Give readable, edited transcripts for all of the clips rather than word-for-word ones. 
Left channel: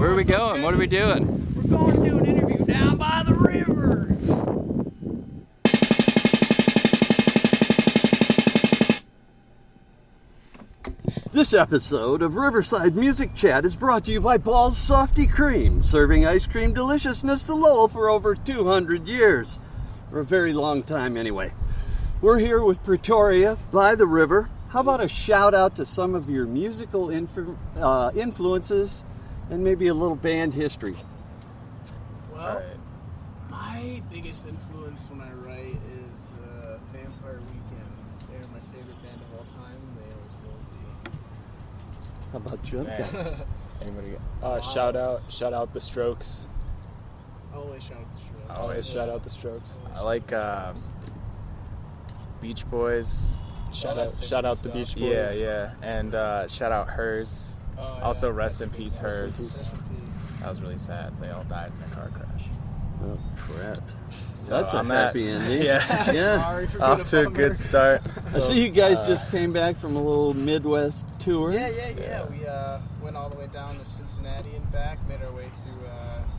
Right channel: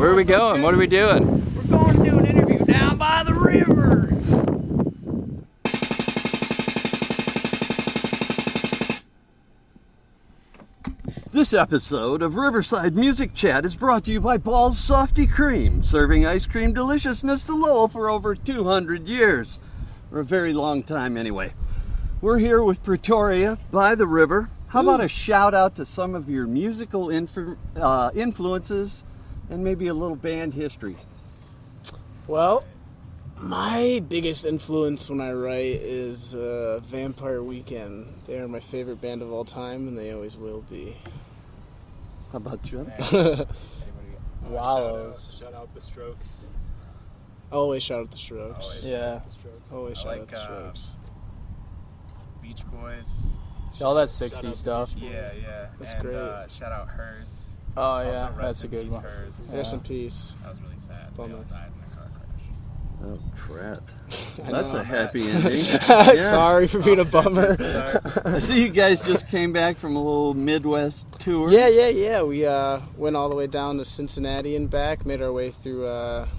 Where are we going? What are we doing? We're going to do an interview down by the river. This episode of Riverside Music Chat is brought to you by Ball's Softy Cream, serving ice cream deliciousness to Lowell for over 200 years. For a very long time anyway. We're here with Pretoria by the river. How about a shout out to some of your musical influences and maybe a little band history? Well, my biggest influence when I write is Vampire Weekend. They're my favorite band of all time, and they always will be. How about you? Anybody? Shout out the Strokes. Always shout out the Strokes. Always shout out the Strokes. Always I shout like out the Strokes. Beach Boys. All that 60s shout out stuff. the Beach Boys. Yeah. That's And great. shout out Hers. Oh, yeah. Also, rest That's a in good peace, one. Hers. Rest in peace. That was really sad. They all Bummer. died in a car crash. Oh, crap. So That's a on that- happy ending. Yeah. Sorry for being a Off to bummer. good start. I see you guys just came back from a little Midwest tour. Yeah. We went all the way down to Cincinnati and back. Made our way through.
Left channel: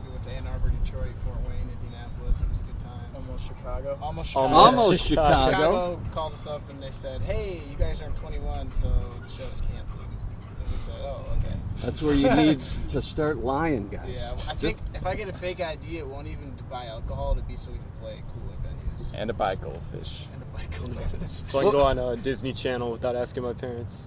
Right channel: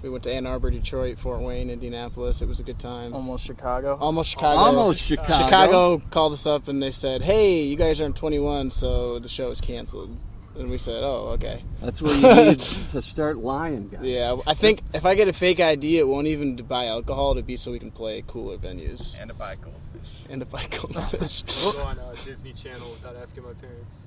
We went to Ann Arbor, Detroit, Fort Wayne, Indianapolis. It was a good time. Almost Chicago. Almost Chicago. Almost Chicago. Chicago called us up and they said, "Hey, you guys aren't 21, so the show is canceled." And we said, "Oh, okay." That's where you need to start lying, guys. Yeah, I think if I get a fake ID, it won't even buy alcohol. To be so we can play cooler venues. And to buy goldfish. And if I goldfish. So I go on Disney Channel without asking my parents.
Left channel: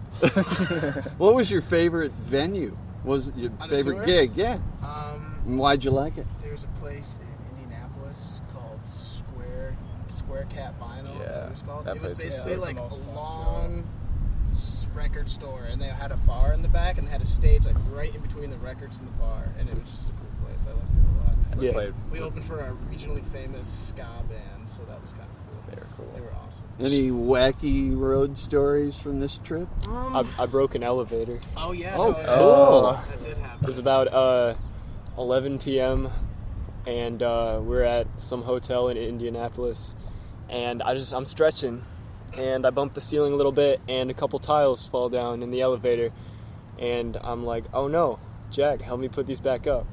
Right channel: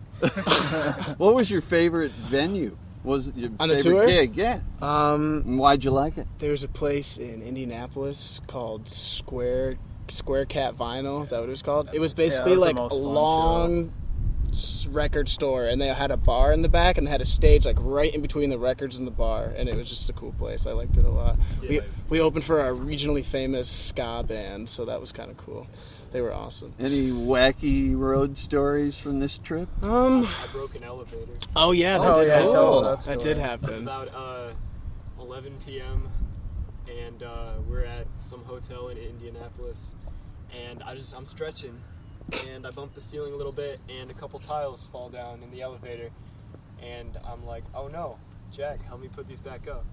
What was your favorite venue? What was your On the favorite tour? gig? Yeah. And why'd you like it? There's a place in Indianapolis called Square Cat Vinyl. Is that what it was called? that It was place. basically Yeah, that was like the a most fun long record store, and they had a bar in the back, and they had a stage like right in between the records and the bar, and it was just a cool place. I liked it a lot. Yeah. We opened for a regionally famous ska band, so that was kind of cool. They were awesome. Any wacky road stories from this trip? I broke an elevator. Oh yeah, Oh, that did cool. happen. That did happen. It was about 11 p.m. and we're at some hotel in Indianapolis, and I'm stretching, and I bump the ceiling a little bit, and a couple tiles fall down in the elevator, and I'm like, oh no, Jack, help me put these back up.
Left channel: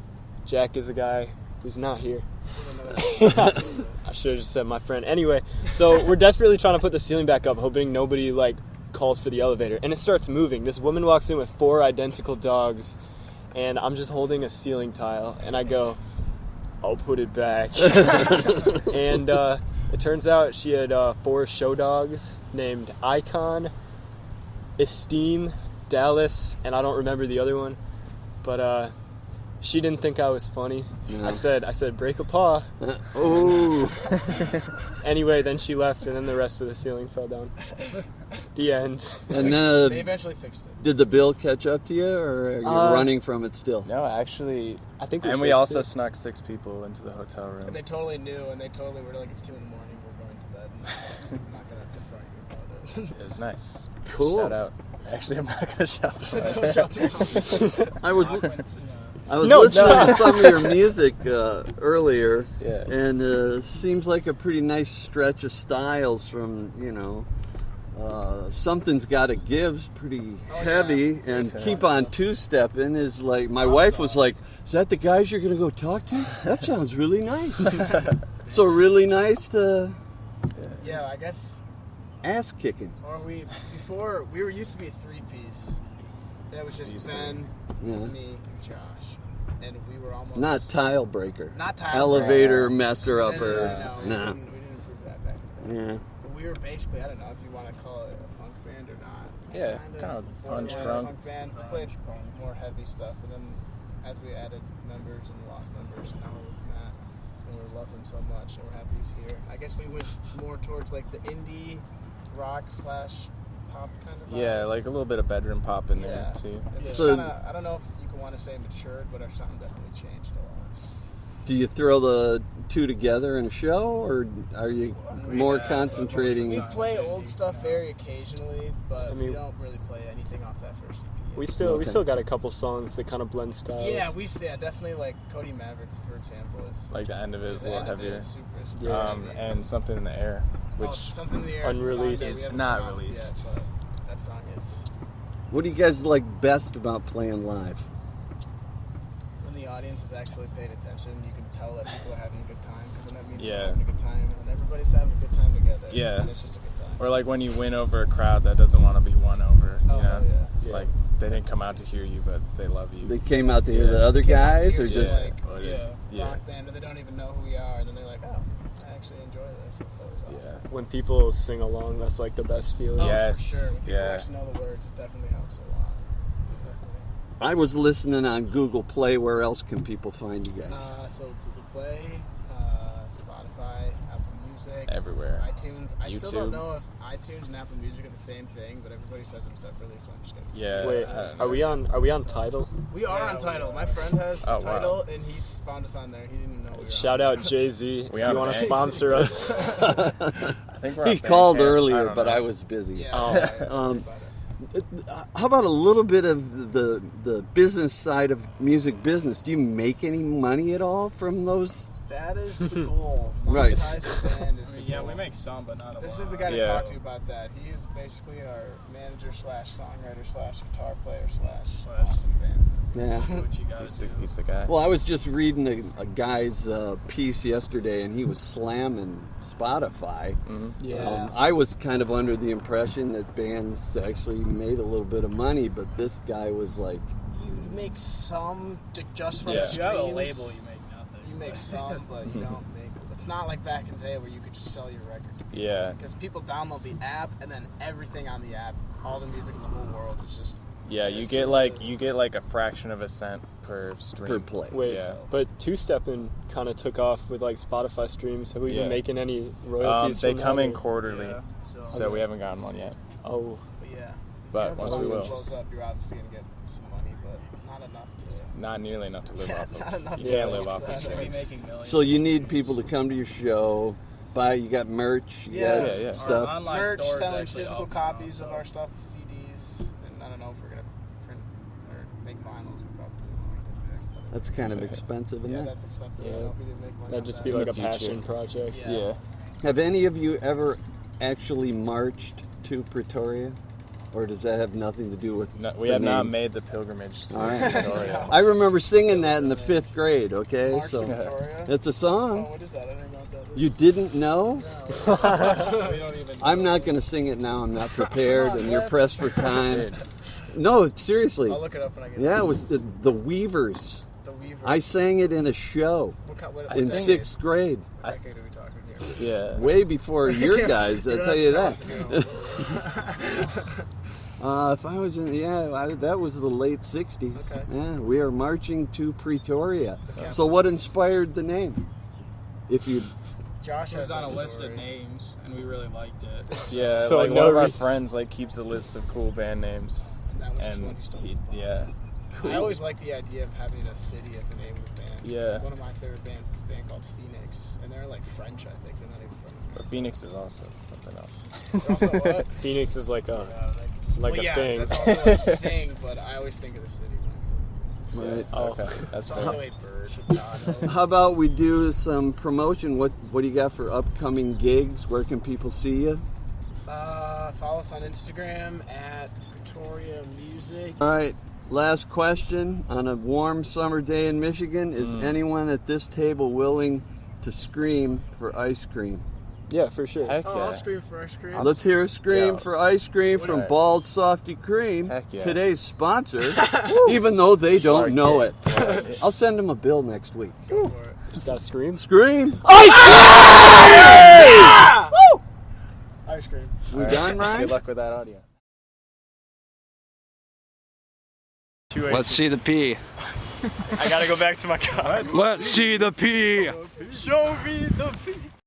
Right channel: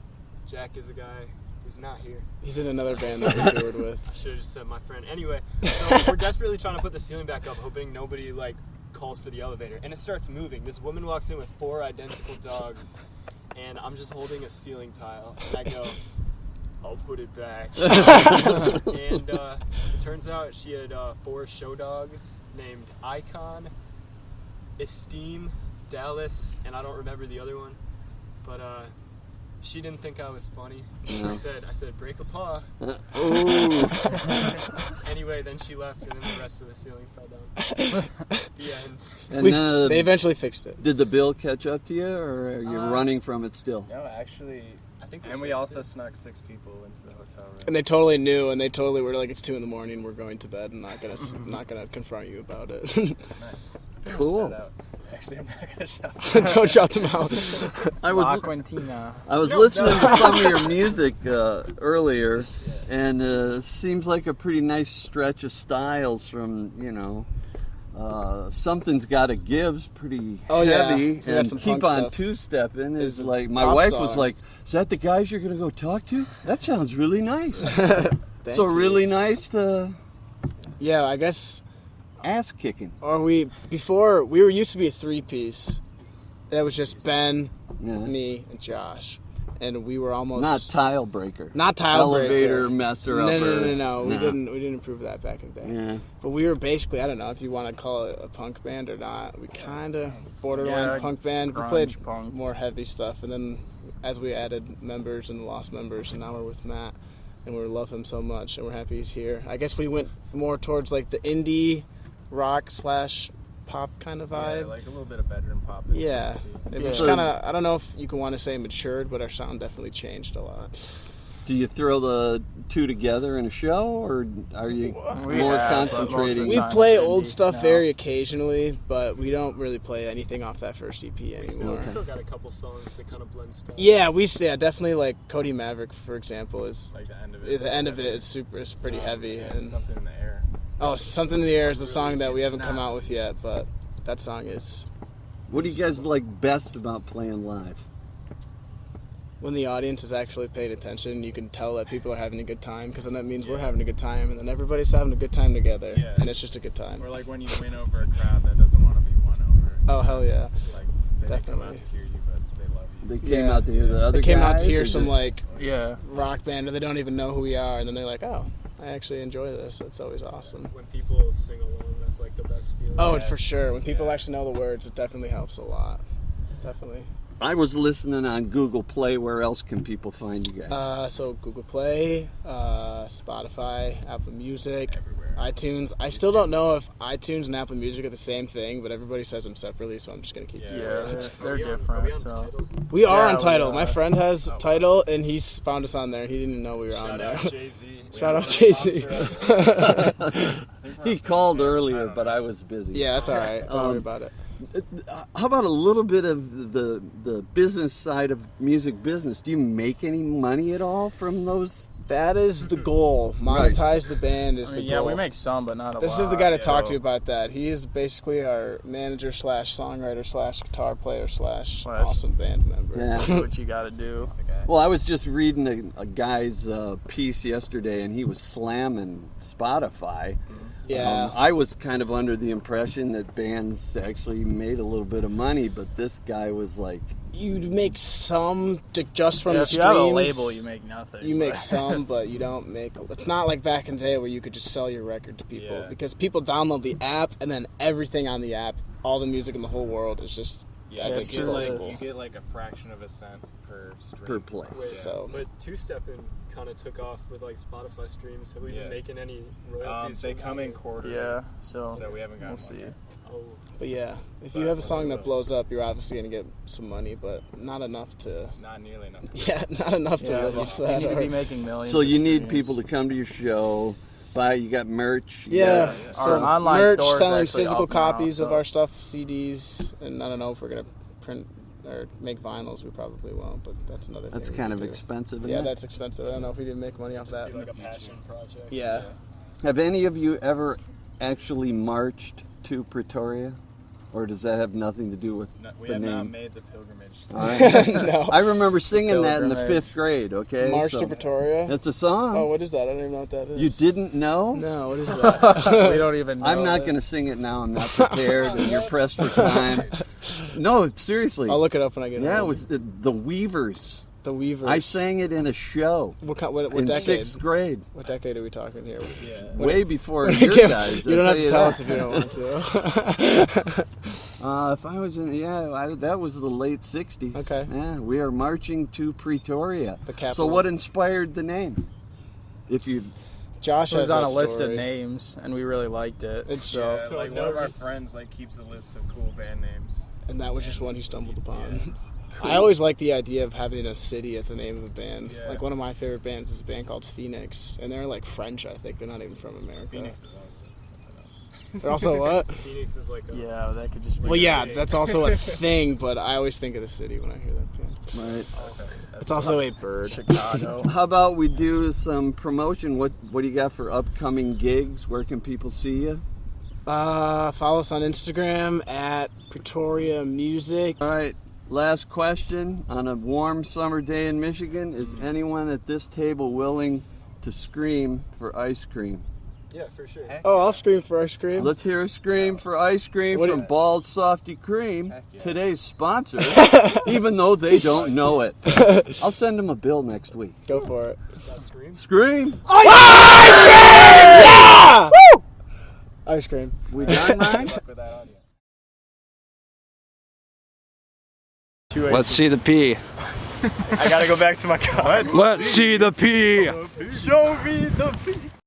Jack is a guy who's not here. He's in another band that I toured with. I should have just said my friend. Anyway, so we're desperately trying to put the ceiling back up, hoping nobody calls for the elevator, and it starts moving. This woman walks in with 4 identical dogs, and I'm just holding a ceiling tile, and I go, I'll put it back. And it turns out she had 4 show dogs named Icon, Esteem, Dallas, and I don't remember the other one, but she didn't think I was funny. No. I said break a paw. Oh. Anyway, then she left, and then the rest of the ceiling fell down. The end. And They eventually fixed it. did the bill catch up to you, or are you running from it still? No, actually. I think And we fixed also it. snuck 6 people into the hotel room. And they totally knew, and they totally were like, "It's 2 a.m. We're going to bed. I'm not gonna confront you about it." It was nice. Cool. Shout out. Actually, I'm not gonna shout. Don't shout them out. I was Aquantina. listening to some of your music earlier, Yeah. and seems like a pretty nice stretch of styles from, Something's Gotta Give's pretty Oh, yeah. heavy, We had and some Keep funk on stuff. Two-Stepping is like, my Pop wife was song. like, is that the guys you're gonna go talk to? That sounds really nice. So really nice to Yeah, I guess. ass kicking. Or we were used to be a 3-piece. That was just Ben, Yeah. me, and Josh, and we were almost Not tile breaker. not tile Elevator breaker. messer No, upper. no. We didn't improve that back in the day. Yeah. But we were basically, I don't know if you want to call it a punk band or not. We Yeah, kind of no, borderline grunge, punk band. We grunge, played punk. more heavy stuff, and then as we added members and lost members, and now we're with Matt, and we love him so much, and we're happy he's here. I guess we went more towards like the indie rock / pop kind of vibe. Yeah, like a little bit of bedroom pop in Yeah, there too. it was So- kind of. I don't know if you can want to say matured, but our sound definitely changed a lot. Do you throw the two together in a show, or are you more Yeah, concentrating? We Time play it's old indie stuff now. very occasionally, but we don't really play anything off that first EP. We anymore. still got a couple songs that kind of blend styles. Yeah, definitely like Cody Maverick, for example, is Like the end of it. the end of it is pretty heavy. And something in the air. Oh, Something in the Air is the song that we haven't Not come out with yet, released. but that song is. What do you guys like best about playing live? when the audience is actually paying attention, you can tell that people are having a good time, because then that means we're Yeah. having a good time, and then everybody's having a good time together. Yeah. And it's just a good time. Or like when you win over a crowd that doesn't want to be won over. Oh, you know? hell yeah. Like they didn't come out to Definitely. hear you, but they love you. They came out to hear the other They came out guys, to hear or some just like Yeah. rock band, and they don't even know who we are, and then they're like, oh, I actually enjoy this. It's always awesome. When people sing along, that's like the best feeling. Oh, Yes. for sure. When people Yeah. actually know the words, it definitely helps a lot. Definitely. I was listening on Google Play. Where else can people find you guys? So Google Play, Spotify, Apple Music, Everywhere. iTunes. I still don't YouTube. know if iTunes and Apple Music are the same thing, but everybody says them separately, so I'm just gonna keep Yeah. doing it. They're Are we on different, so- Tidal? We are Yeah, on we Tidal. are. My friend has Oh, wow. Tidal, and he's found us on there. He didn't know we were on Shout there. out Jay-Z. We Shout on out it. Jay-Z. Sponsor us. I think we're He on called Bandcamp. I earlier, don't but know. I was busy. Yeah, that's all right. Don't worry about it. How about a little bit of the business side of music business? Do you make any money at all from those? That is the goal. Right. Monetize the band is I the mean, goal. yeah, we make some, but not a lot. This is the guy to Yeah. talk to you about that. He is basically our manager / songwriter / guitar player / Well, that's- awesome band member. Yeah. Do what you gotta do. He's the guy. Well, I was just reading a guy's piece yesterday, and he was slamming Spotify. Yeah. I was kind of under the impression that bands actually made a little bit of money, but this guy was like, You make some just from Yeah, the if streams. you have a label, you make nothing. You make but- some, but you don't make. It's not like back in the day where you could just sell your record to people. Yeah. Because people download the app, and then everything on the app, all the music in the whole world is just. Yeah, you exclusive. get like a fraction of a cent per stream. per play. Wait, Yeah. but two-stepping kind of took off with like Spotify streams. Have we Yeah. been making any royalties? They from come that, in or- quarterly. Yeah, so, So we haven't gotten one yet. Oh, But yeah, if But you have a once song we that will. blows up, you're obviously gonna get some money, but not enough to. Not nearly enough to live Yeah, off of. not enough to Yeah, live live off off. you that. need to be making millions. So you of need streams. people to come to your show, buy. You got merch. You Yeah, got yeah. Our stuff. online merch, store is selling actually physical up now, copies of so- our stuff, CDs, and I don't know if we're gonna print or make vinyls. We probably won't, but that's another. That's thing. kind of expensive, isn't Yeah, it? that's expensive. I don't know if we can make money that'd off just that. be like a the future. passion project. Yeah. Have any of you ever actually marched to Pretoria, or does that have nothing to do with No, we the have not name? made the pilgrimage. To All right. No. I remember singing that in the Pilgrimage. 5th grade. Okay, March so to Pretoria. that's a song. Oh, what is that? I don't even know what that is. You didn't know? No, what is that? we don't even know. I'm not that. going to sing it now. I'm not prepared, and you're pressed for time. No, seriously. I'll look it up when I get Yeah, it home. was the Weavers. The Weavers. I sang it in a show What in decade? 6th grade, What decade are we talking here? Yeah. way before You your can't- guys. You I'll don't tell have you to tell that. us if you don't want to. If I was in, that was the late 60s. Okay. Yeah, we are marching to Pretoria. The capital. So what inspired the name? If you, Josh It was has on a that list of story. names, and we really liked it. It's Yeah, So like no one of our reason- friends like keeps a list of cool band names. and that was just and one he stumbled upon. Yeah. I always like the idea of having a city as the name of a band. Yeah. Like one of my favorite bands is a band called Phoenix, and they're like French. I think they're not even from America. Phoenix is also something else. They're also what? Phoenix is like a. Yeah, that could just Like well, a yeah, thing. that's also a thing. But I always think of the city when I hear that band. right. Oh, okay. That's It's also a bird. Chicago. How about we do some promotion? What do you got for upcoming gigs? Where can people see you? Follow us on Instagram at Pretoria Music. All right. Last question. On a warm summer day in Michigan, is anyone at this table willing to scream for ice cream? Yeah, for sure. Heck Oh, yeah. I'll scream for ice cream. Let's hear a scream Yeah. for ice cream What do from you- Ball's Softy Cream, Heck yeah. today's sponsor, even though they don't know it. I'll send them a bill next week. Go for it. Just gotta scream. Scream! Ice cream. We done, Ryan? Good luck with that audio. Let's see the P. I gotta go back to my car. Let's see the P. Show me the feet.